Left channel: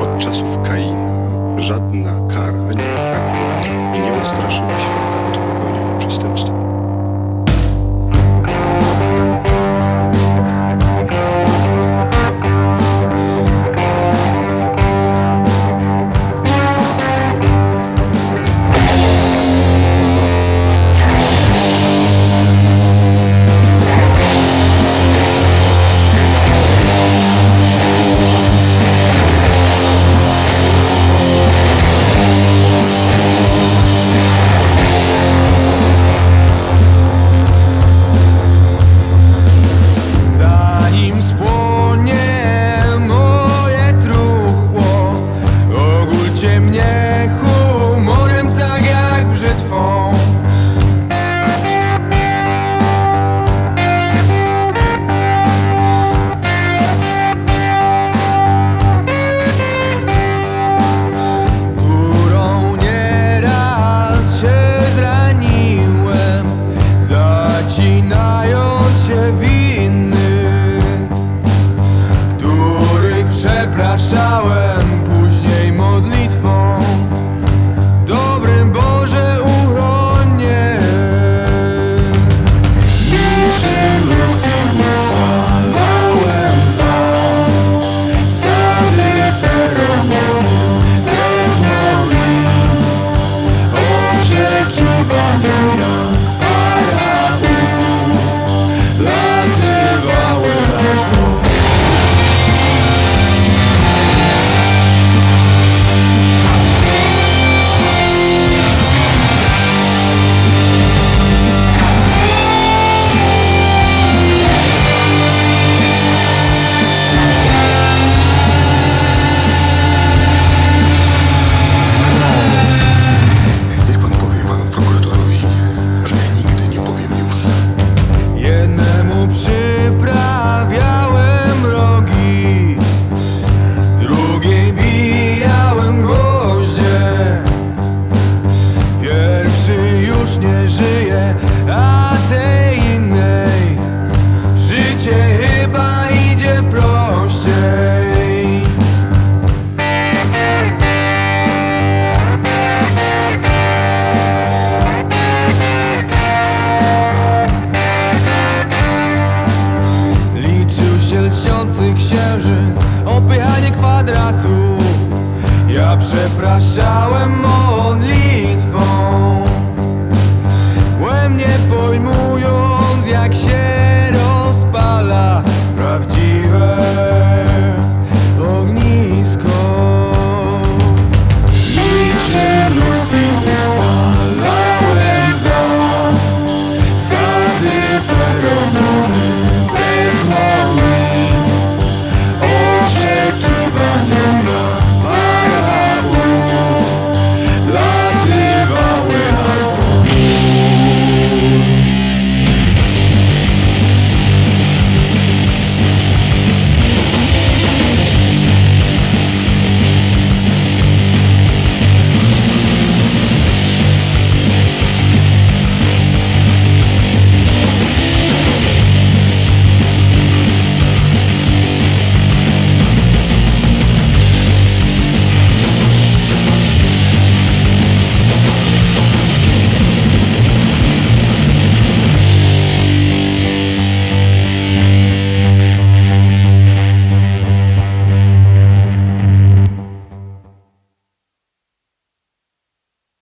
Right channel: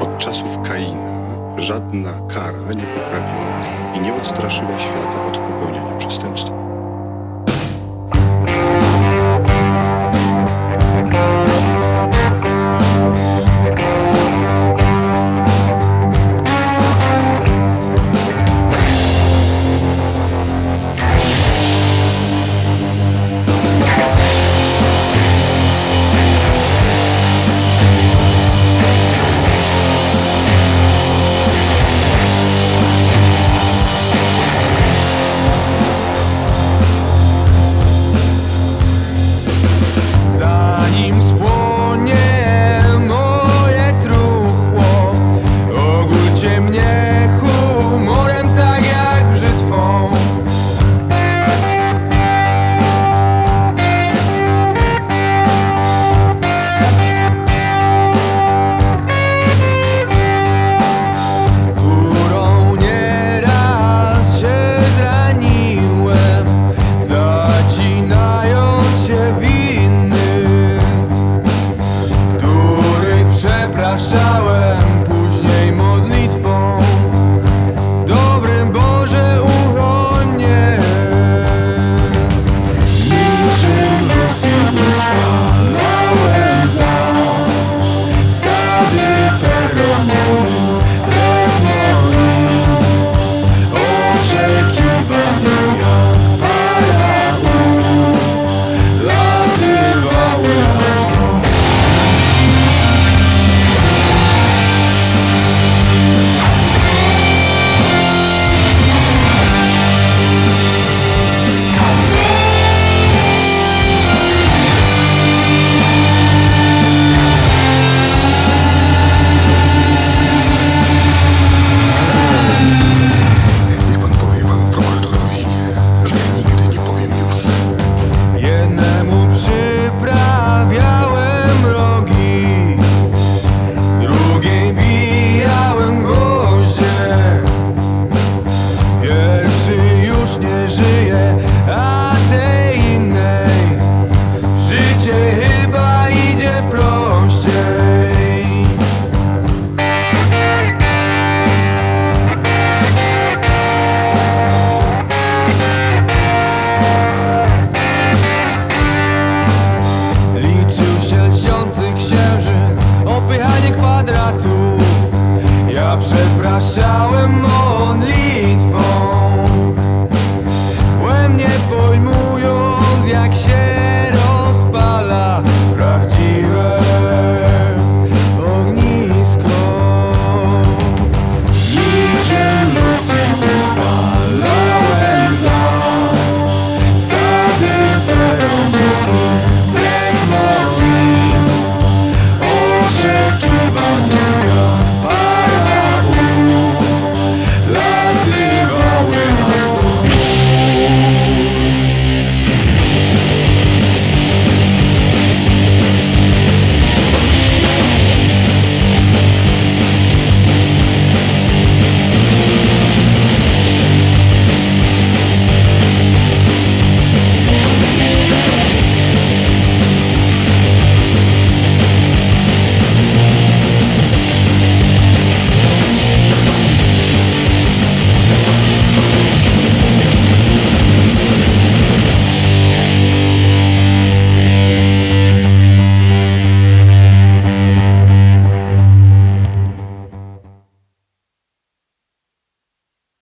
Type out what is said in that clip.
Od czasów Kaina żadna kara nie poprawiła i nie odstraszyła świata od popełniania Zanim spłonie Przepraszałem później modlitwą. Dobrym Boże uronie Niczym Lucy ustalałem za Sady feromony Jednemu przyprawiałem rogi Drugiej bijałem gwoździe. Pierwszy już nie żyje, a tej innej Życie lśniący księżyc, opychanie kwadratów Ja przepraszałem modlitwą Błędnie pojmując jak się rozpala prawdziwe ognisko. Niczym Lucy